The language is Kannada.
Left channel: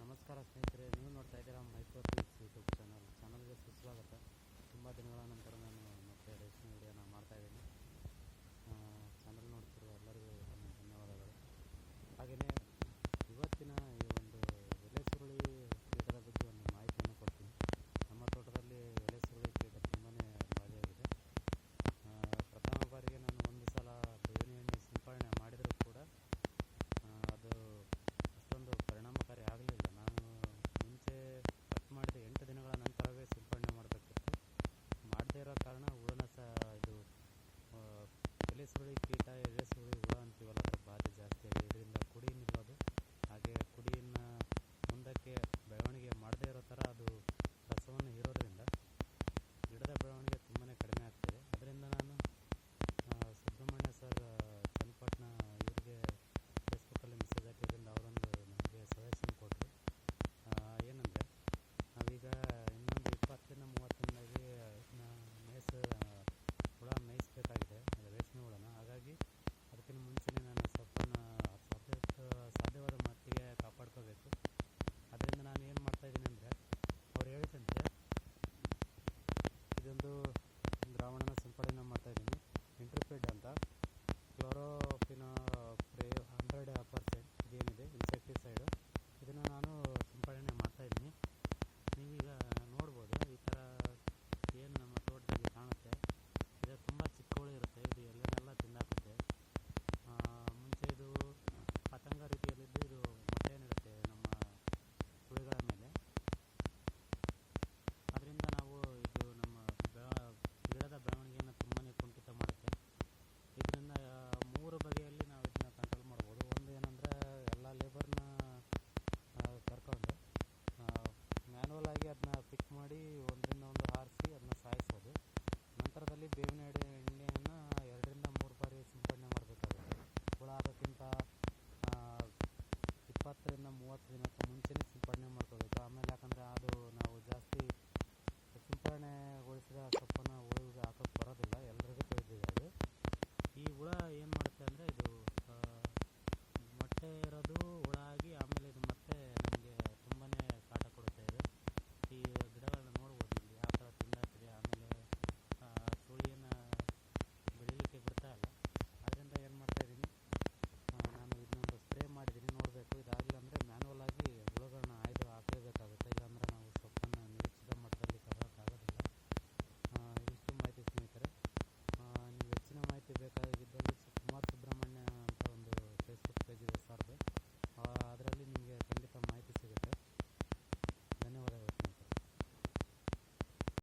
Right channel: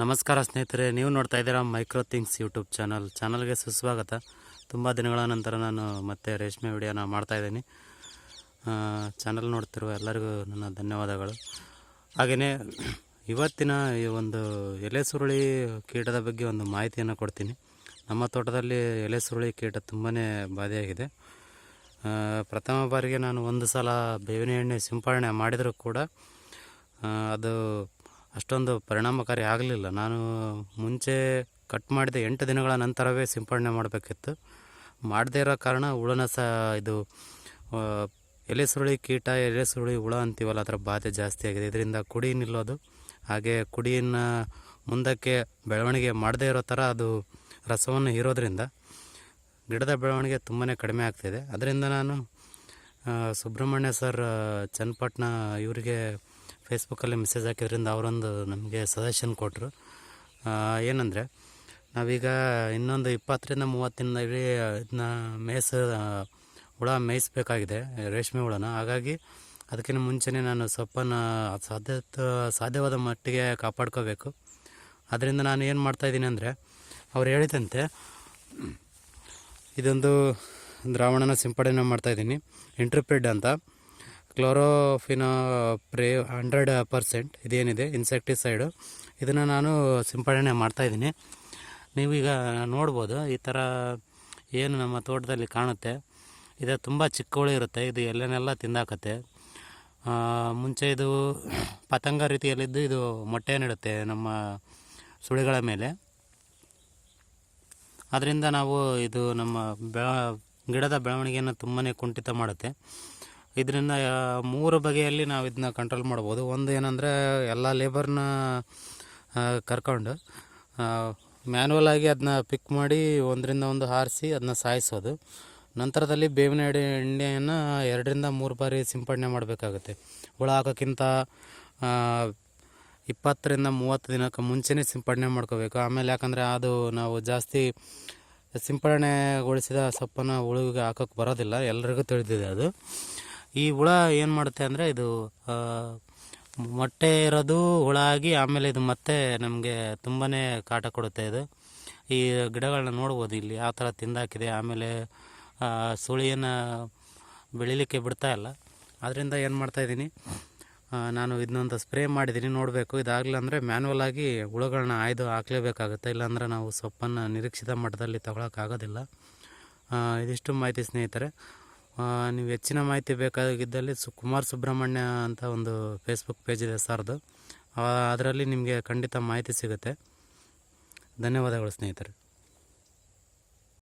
ನಮಸ್ಕಾರ ಸ್ನೇಹಿತರೆ, ನೀವು ನೋಡ್ತಾ ಇದ್ದೀರಾ ಮೈಕ್ರೋ ಥಿಂಗ್ಸ್ ಯೂಟ್ಯೂಬ್ ಚಾನಲ್. ಚಾನಲ್ಗೆ ಸುಸ್ವಾಗತ. ತುಂಬ ದಿನಗಳ ನಂತರ ನಾನು ಮತ್ತೆ ರೇಷ್ಮೆ ವಿಡಿಯೋನ ಮಾಡ್ತಾಯಿದ್ದೀನಿ ಚಾನಲ್ ನೋಡ್ತಿರುವ ಎಲ್ಲರಿಗೂ ನನ್ನ ಧನ್ಯವಾದಗಳು. ಹಾಗೆಯೇ ಇವತ್ತಿನ ಈ ಒಂದು ಎಲೆ ಸುರುಳಿ ಕೀಟದ ಬಗ್ಗೆ ಒಂದು ಮಾಹಿತಿಯನ್ನು ಕೊಡ್ತೀನಿ. ನಮ್ಮ ತೋಟದಲ್ಲಿ ಎಲೆ ಸುರುಳಿ ಕೀಟ ತುಂಬಾ ಬಾಧೆಯಾಗಿದೆ. ಪ್ರಥಮ ಬಾರಿಗೆ ನಾನು ಒಂದು ಸಲ ಬೇವಿನ ಎಣ್ಣೆ ಸಿಂಪಡಣೆ ಮಾಡಿದರೂ ಕೂಡ ಅದು ಅಷ್ಟೊಂದು ಪರಿಣಾಮಕಾರಿ ಆಗಲಿಲ್ಲ. ನಾನು ಮುಂಚೆ ಕಟ್ ಮಾಡಿದ ಎಂಟು ದಿನಗಳ ನಂತರವೇ ಸಿಂಪಡಣೆ ಮಾಡಬೇಕಿತ್ತು. ಮಾಡದೇ ಇರೋ ಕಾರಣ ಹುಳನ ಸಹ ಇದು ಎಲೆ ಸುರುಳಿ ಕೀಟ ಎಲೆ ಸುರುಳಿ ಹುಳ ಅಂತೀವಲ್ಲ, ಅದರ ಬಾಧೆ ಜಾಸ್ತಿ ಆಗಿದೆ. ಇದರಿಂದ ಕುಡಿ ನಿಲ್ಲೋದು, ಹಾಗೆ ಕುಡಿಯನ್ನು ಮುಂದಕ್ಕೆ ಬೆಳವಣಿಗೆ ಮಾಡದೇ ಇರೋ ಥರ ಅದು ರಸವನ್ನು ಹೀರೋದ್ರಿಂದ ಗಿಡದ ಬೆಳವಣಿಗೆ ತುಂಬಾ ಕಡಿಮೆ ಆಗ್ತಿದೆ ಅದರಿಂದ ನಾನು ಸುಬ್ರಹ್ಮಣ್ಯ ಸರ್ ಚನ್ನಪಟ್ಟಣ, ಇವರಿಗೆ ಫೇಸ್ಬುಕ್ಕಲ್ಲಿ ಮೆಸೇಜ್ ಹಾಕಿದ್ರಿಂದ ಅವರೊಂದು ನಮಗೆ ಸಜೆಷನ್ ಕೊಟ್ಟರು ಏನಂದರೆ, ನಾವೀಗ ಇನ್ನೊಂದು ಇಪ್ಪತ್ತರಿಂದ ಮೂವತ್ತು ದಿನದಲ್ಲಿ ಇದನ್ನ ಮೇಯ್ಸ ಹುಳ ಮೇಯಿಸ್ಬೇಕಾಗಿದೆ, ರೇಷ್ಮೆ ಹುಳನ. ಹಾಗಾಗಿ ಅದಕ್ಕಿಂತ ಮುಂಚೆನೇ ನಾನು ಸೊಪ್ಪನ್ನು ಸಾಧ್ಯ ಸಾಧ್ಯವಾದ ಮಟ್ಟಿಗೆ ಕಾಪಾಡ್ಕೋಬೇಕು. ಅದರಿಂದ ನಾನು ಏನು ಮಾಡ್ತಾಯಿದ್ದೀನಿ ಅಂದರೆ, ಅವ್ರು ಹೇಳಿದಂತೆ, ಇದೊಂದು ದ್ರಾವಣನ ಸಿಂಪಡಣೆ ಮಾಡ್ತಾಯಿದ್ದೀನಿ ಇಂಟ್ರಿಪಿಡ್ ಅಂತ. ಕ್ಲೋರೋಫಿನೋ ಪ್ರೇ ಹಂಡ್ರೆಡ್ ಪರ್ಸೆಂಟ್ ಇದೇನಿದೆ ಇನ್ಸೆಕ್ಟಿಸೈಡು. ಇದನ್ನು ನಾನು ಸಿಂಪಡಣೆ ಮಾಡ್ತಾಯಿದ್ದೀನಿ ನೀವೀಗ ನೋಡ್ಬೋದು, ಈ ಥರ ಏನು ನಮ್ಮ ತೋಟದಲ್ಲಿ ಕಾಣುತ್ತೆ. ಇದು ತುಂಬ ಚಿಕ್ಕವಳು ಇರುತ್ತೆ, ಇದು ಎಲ್ಲನೆಲ್ಲ ತಿಂದಾಕತ್ತೆ. ಮುಂಚೆ ಇದು ಪತಂಗ ರೀತಿಯಲ್ಲಿದ್ದು ಇದು ಮೊಟ್ಟೆ ನೀಡುತ್ತೆ ನಮ್ಮ ಸುಳಿಗಳ ಮೇಲೆ. ಅದರಿಂದ ನಾವು ಇದು ನಮ್ಮ ಬೆಳ, ಗಿಡದ ಬೆಳವಣಿಗೆಯನ್ನು ತುಂಬಾ ಕುಂಠಿತ ಮಾಡುತ್ತೆ. ಇದರಿಂದ ಮೂರು ಬಗೆಯಲ್ಲಿ ನಾವು ಇದನ್ನ ಕಂಟ್ರೋಲ್ ಮಾಡ್ಬೋದು. ಒಂದು ಏನಂದರೆ, ಎಲ್ಲ ಲೇಬರ್ನ ಕರ್ಕೊಂಡು ಮ್ಯಾನ್ಯಲ್ ಆಗಿ ಅದನ್ನ ಪಿಕ್ ಮಾಡಿ ಒಂದರಿಂದ ಒಂದು ಹಾರಿಸಿ ಅದನ್ನ ಸಾಯಿಸೋದು. ನಂತರದಲ್ಲಿ ಬೇವಿನ ಎಡೆ ಎಣ್ಣೆಯನ್ನು ಎರಡರಿಂದ ಮೂರು ಬಾರಿ ಸಿಂಪಡಣೆ ಮಾಡಬೇಕಾಗುತ್ತೆ. ಹುಳ ಹಾಕೋಕ್ಕಿಂತ ಇಪ್ಪತ್ತರಿಂದ ಮೂವತ್ತು ದಿನಕ್ಕೆ ಮುಂಚೆನೇ ಸಿಂಪಡಣೆ ಮಾಡ್ಕೋಬೇಕು. ಆಮೇಲೆ ಯಾಕಂದರೆ ಅದು ನಾವು ಜಾಸ್ತಿ ಸಿಂಪಡಣೆಗೊಳಿಸಿದ ಸೊಪ್ಪನ್ನು ಹುಳುವಿಗೆ ಹಾಕೋಕ್ಕೆ ಬರೋದಿಲ್ಲ. ಎಲ್ರಿಗೂ ತಿಳಿದಿದೆ ಅದು. ಈ ಹುಳ ಏನು ಮಾಡುತ್ತೆ ಅಂದರೆ ಇದು ಮೊಟ್ಟೆ ಇರೋದು ಹುಳ ಆಗಿ ಆಮೇಲೆ ಇದು ಮತ್ತೆ ನಮಗೆ ತುಂಬಾ ಕಾಟ ಕೊಡುತ್ತೆ ಇದು. ಈ ಗಿಡಗಳನ್ನ ನೋಡ್ಬೋದು ಇಲ್ಲಿ ಯಾವ ಥರ ತಿಂದಾಕಿದೆ, ಆಮೇಲೆ ಸುಳಿಯನ್ನು ಬೆಳಿಲಿಕ್ಕೆ ಬಿಡ್ತಾ ಇಲ್ಲ. ಅದರಿಂದ ಏನು ಮಾಡ್ತಾಯಿದ್ದೀನಿ ನಾನು ಇದನ್ನೊಂದು ಸ್ಪ್ರೇ ಮಾಡಿದ್ದೀನಿ, ನೋಡಬೇಕು. ಇದಾಗಲಿಲ್ಲ ಅಂದರೆ ಮ್ಯಾನ್ಯಲ್ ಆಗಿ ಹುಳುಗಳನ್ನ ಆಯ್ದು ಹಾಕ್ಲೇಬೇಕಾಗುತ್ತೆ. ಇಲ್ಲಾಂದರೆ ನಾವು ಸೊಪ್ಪನ್ನು ನಿರೀಕ್ಷಿತ ಮಟ್ಟದಲ್ಲಿ ತಗೊಳಕ್ಕಾಗೋದಿಲ್ಲ. ಇದಿಷ್ಟು ಮಾಹಿತಿ ಸ್ನೇಹಿತರೆ. ನೀವು ಹೆಚ್ಚಿನ ಮಾಹಿತಿ ಬೇಕಾಗಿದ್ದಲ್ಲಿ ಸು ಕುಮಾರ್ ಸುಬ್ರಹ್ಮಣ್ಯ ಅಂತ ಒಂದು ಫೇಸ್ಬುಕ್ ಪೇಜ್ ಇದೆ ಸರ್ದು. ಅದರಲ್ಲಿ ನಿಮಗೆ ಖಂಡಿತ ಮಾಹಿತಿ ಸಿಗುತ್ತೆ. ಧನ್ಯವಾದಗಳು ಸ್ನೇಹಿತರೆ.